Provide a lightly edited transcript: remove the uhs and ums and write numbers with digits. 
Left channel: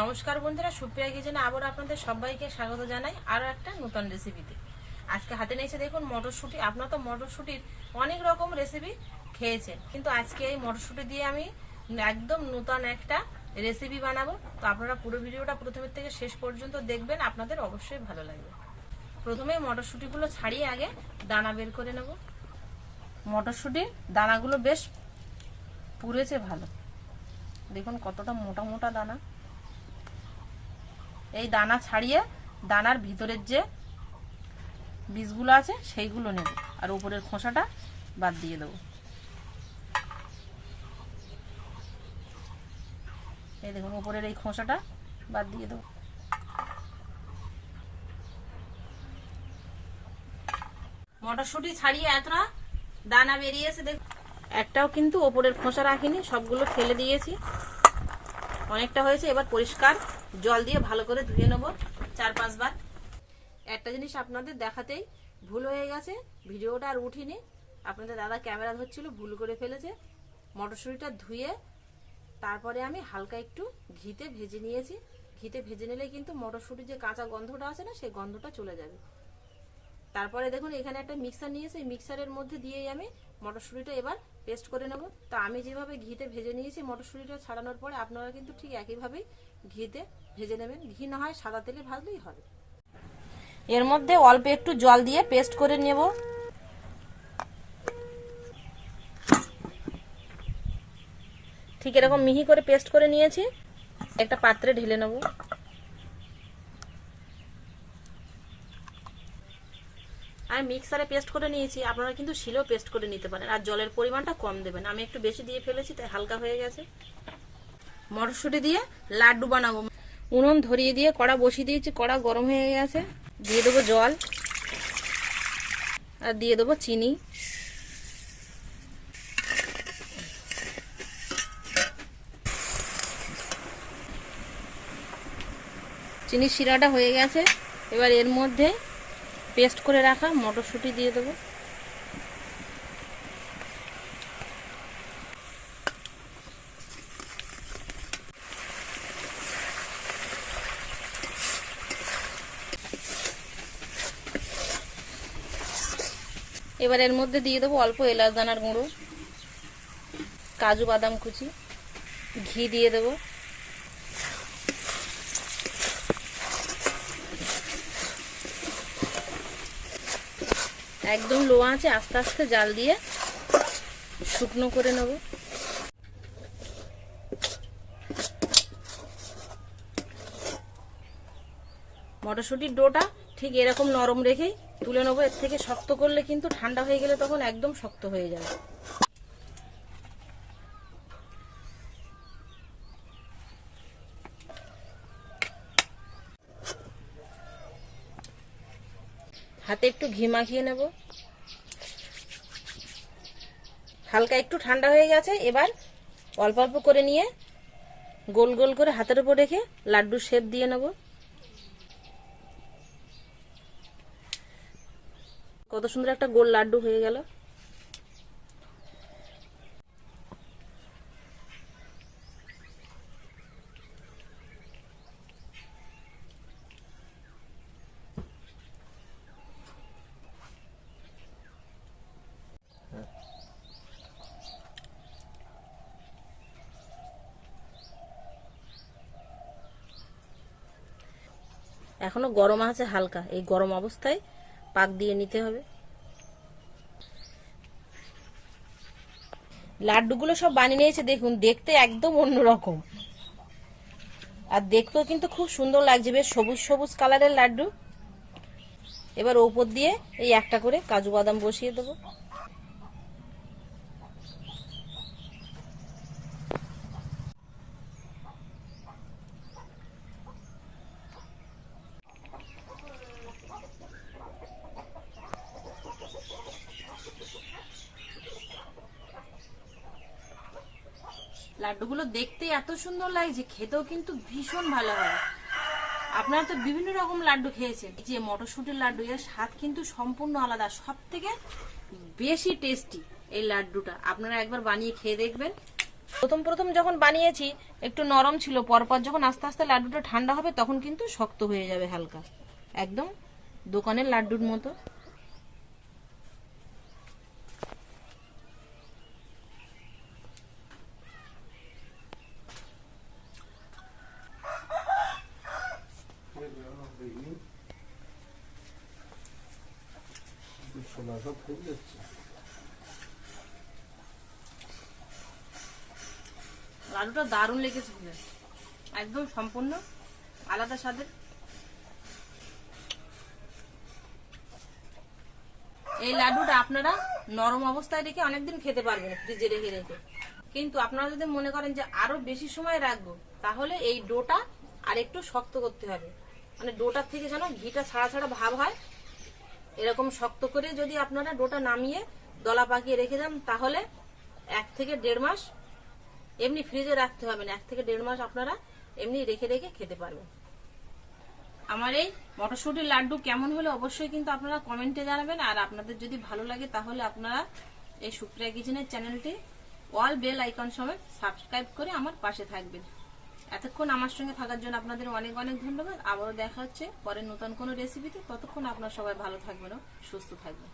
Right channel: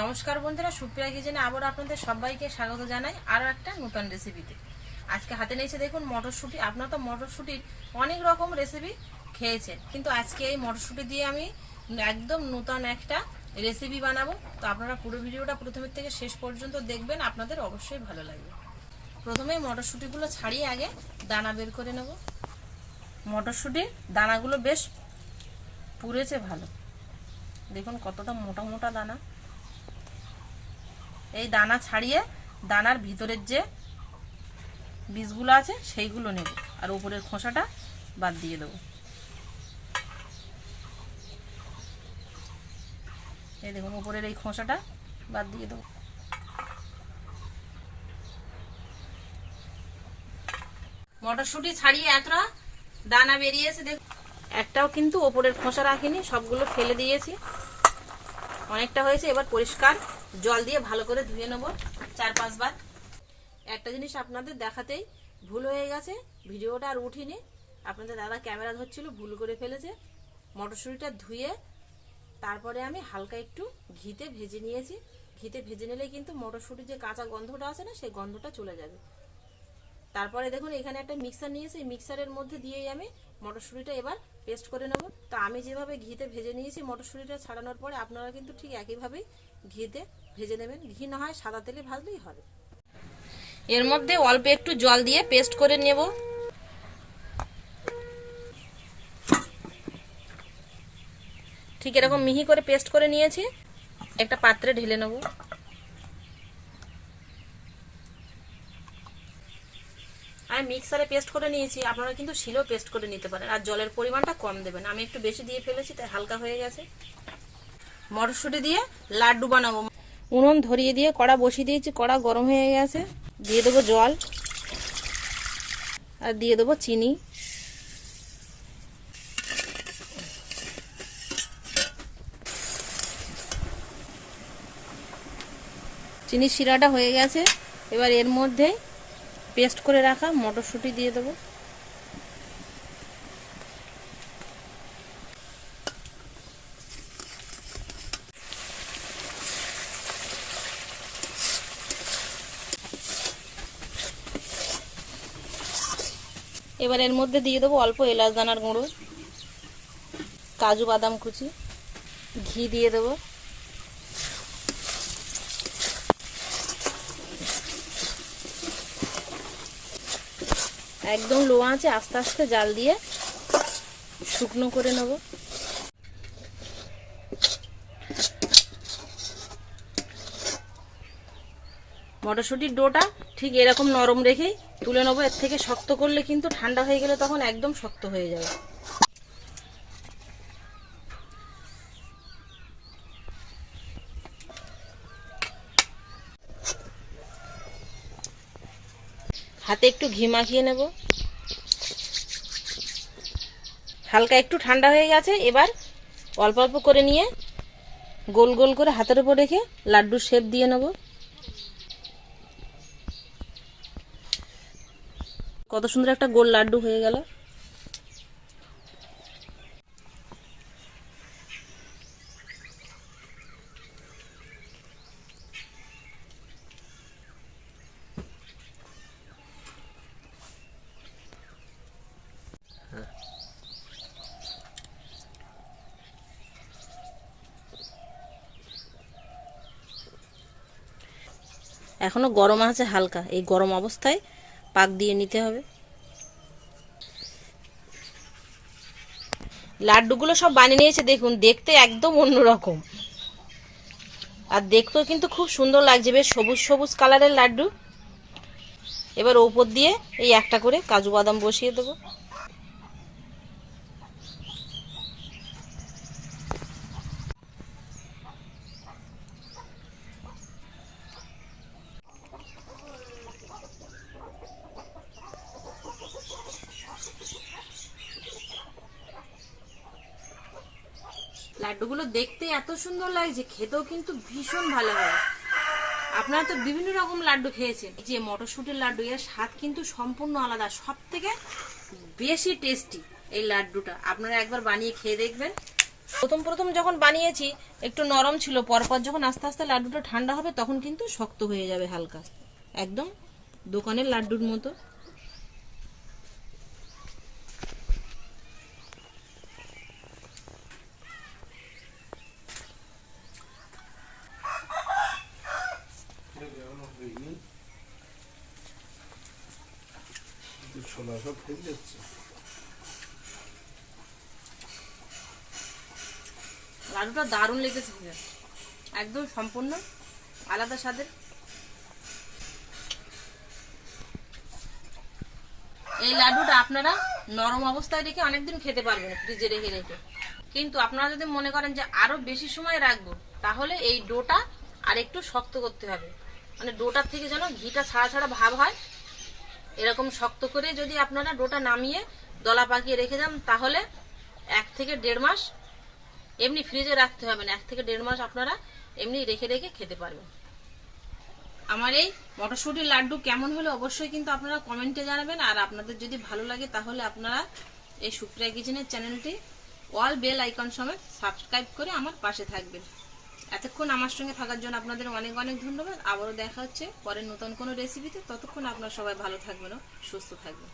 নমস্কার বন্ধুরা, সুপ্রিয়া কিচেনে আবার আপনাদের সবাইকে স্বাগত জানাই আরও একটা নতুন রেসিপিতে। আজকে হাতে নিয়েছে দেখুন মটরশুঁটি। আপনারা তো মটরশুঁটির অনেক রকম রেসিপি খেয়েছেন, কিন্তু আজকে এই মটরশুঁটি দিয়ে আমি একদম নতুন একটা রেসিপি বানাবো। তো আপনারা পুরো ভিডিওটা প্রথমের থেকে শেষ পর্যন্ত দেখবেন, আপনাদের অবশ্যই ভালো লাগবে। প্রথমে মটরশুঁটিগুলো ছাড়িয়ে আগে দানা বের করে নেব। মটরশুঁটির দানাগুলো বেশ পুড়েছে ভালো, দেখুন কতটা মোটা মোটা দানা। এই দানা ছাড়িয়ে দানার ভিতরের যে বীজগুলো আছে সেইগুলো নেব, আর উপরের খোসাটা বাদ দিয়ে দেবো। এই দেখুন উপরের এই খোসাটা বাদ দিয়ে দেবো। মটরশুঁটি ছাড়িয়ে এতটা দানা বেরিয়েছে দেখুন, একটাও কিন্তু ওপরের খোসা রাখিনি, সবগুলো ফেলে দিয়েছি। অনেকটা হয়েছে, এবার পরিষ্কার জল দিয়ে ভালো করে ধুয়ে নেব 4-5 বার। একটা জিনিস আপনাদের দেখাতেই ভুল হয়ে গেছে, ভিডিওটা আর উঠিনি। আপনাদের দাদা ক্যামেরা ধরছিল, ভুল করে ফেলেছে। মটরশুঁটিটা ধুয়ে তারপরে আমি হালকা একটু ঘিতে ভেজে নিয়েছি। ঘিতে ভেজে নিলে কিন্তু মটরশুঁটির যে কাঁচা গন্ধটা আছে না, সেই গন্ধটা চলে যাবে। তারপরে দেখুন এখানে একটা মিক্সার নিয়েছি, এই মিক্সারের মধ্যে দিয়েই আমি মটরশুঁটিটা এবার পেস্ট করে নেব। তো আমি যেভাবে ঘিতে ভেজে নিয়েছি মটরশুঁটিটা ছাড়ানোর পরে, আপনারা কিন্তু ঠিক একইভাবেই ঘিতে ভেজে নেবেন। ঘি না হয় সাদা তেলে ভাজলেই হবে। এর মধ্যে অল্প একটু জল দিয়ে পেস্ট করে নেব। ঠিক এরকম মিহি করে পেস্ট করে নিয়েছি, একটা পাত্রে ঢেলে নেব। আমি মিক্সারে পেস্ট করে নিয়েছি, আপনারা কিন্তু শিলেও পেস্ট করে নিতে পারেন। আর জলের পরিমাণটা কম দেবেন, আমি একটু বেশি দিয়ে ফেলেছি তাই হালকা হয়ে গেছে। মটরশুঁটি দিয়ে লাড্ডু বানাবো। উনুন ধরিয়ে দিয়ে কড়া বসিয়ে দিয়েছি, কড়া গরম হয়ে গেছে। দিয়ে দেবো জল আর দিয়ে দেবো চিনি। চিনির শিরাটা হয়ে গেছে, এবার এর মধ্যে পেস্ট করে রাখা মটরশুঁটি দিয়ে দেবো। এবার এর মধ্যে দিয়ে দেবো অল্প এলাচ দানার গুঁড়ো, কাজু বাদাম কুচি, ঘি দিয়ে দেবো। একদম লো আঁচে আস্তে আস্তে জাল দিয়ে শুকনো করে নেব। মটরশুঁটির ডোটা ঠিক এরকম নরম রেখেই তুলে নেবো। এর থেকে শক্ত করলে কিন্তু ঠান্ডা হয়ে গেলে তখন একদম শক্ত হয়ে যাবে। হাতে একটু ঘি মাখিয়ে নেব। হালকা একটু ঠান্ডা হয়ে গেছে, এবার অল্প অল্প করে নিয়ে গোল গোল করে হাতের উপর রেখে লাড্ডুর শেপ দিয়ে নেব। কত সুন্দর একটা গোল লাড্ডু হয়ে গেল। এখনো গরম আছে হালকা, এই গরম অবস্থায় পাক দিয়ে নিতে হবে। লাড্ডুগুলো সব বানিয়ে নিয়েছে দেখুন, দেখতে একদম অন্যরকম, আর দেখতেও কিন্তু খুব সুন্দর লাগছে, বেশ সবুজ সবুজ কালারের লাড্ডু। এবার ওপর দিয়ে এই একটা করে কাজু বাদাম বসিয়ে দেবো। লাড্ডুগুলো দেখতে এত সুন্দর লাগছে, খেতেও কিন্তু ভীষণ ভালো হয়। আপনারা তো বিভিন্ন রকম লাড্ডু খেয়েছেন, যে মটরশুঁটির লাড্ডু, এর স্বাদ কিন্তু সম্পূর্ণ আলাদা। সব থেকে বেশি টেস্টি এই লাড্ডুটা, আপনারা একবার বানিয়ে খেয়ে দেখবেন, প্রথম প্রথম যখন বানিয়েছি একটু নরম ছিল, পরপর যখন আস্তে আস্তে লাড্ডুটা ঠান্ডা হবে তখন কিন্তু শক্ত হয়ে যাবে হালকা, একদম দোকানের লাড্ডুর মতো। লাড্ডুটা দারুণ লেগেছে, একদম সম্পূর্ণ আলাদা স্বাদের। এই লাড্ডুটা আপনারা নরম অবস্থায় রেখে অনেকদিন খেতে পারবেন ফ্রিজে রেখে রেখে। কিন্তু আপনারা যদি মনে করেন যে আরো বেশি সময় রাখবো, তাহলে এই ডোটা আর একটু শক্ত করতে হবে, মানে ডোটার থেকে যেন ঘিটা ছাড়া ছাড়া ভাব হয়, এরকম শক্ত করে যদি আপনারা ডোটা নামিয়ে দলা পাকিয়ে রেখে যান, তাহলে 1 থেকে 1.5 মাস এমনি ফ্রিজে রাখতে হবে না, 1 থেকে 1.5 মাস আপনারা এমনি রেখে রেখে খেতে পারবেন। আমার এই মটরশুঁটির লাড্ডু কেমন হলো অবশ্যই কিন্তু আপনারা কমেন্টে জানাবেন। আর আপনাদের যদি ভালো লাগে তাহলে আপনারা এই সুপ্রিয়া কিচেনের চ্যানেলটি অল বেল আইকন সমেত সাবস্ক্রাইব করে আমার পাশে থাকবেন। এতক্ষণ আমার সঙ্গে থাকার জন্য আপনাদের অনেক অনেক ধন্যবাদ। আবারও দেখা হচ্ছে পরে নতুন কোনো রেসিপিতে। ততক্ষণ আপনারা সবাই ভালো থাকবেন ও সুস্থ থাকবেন।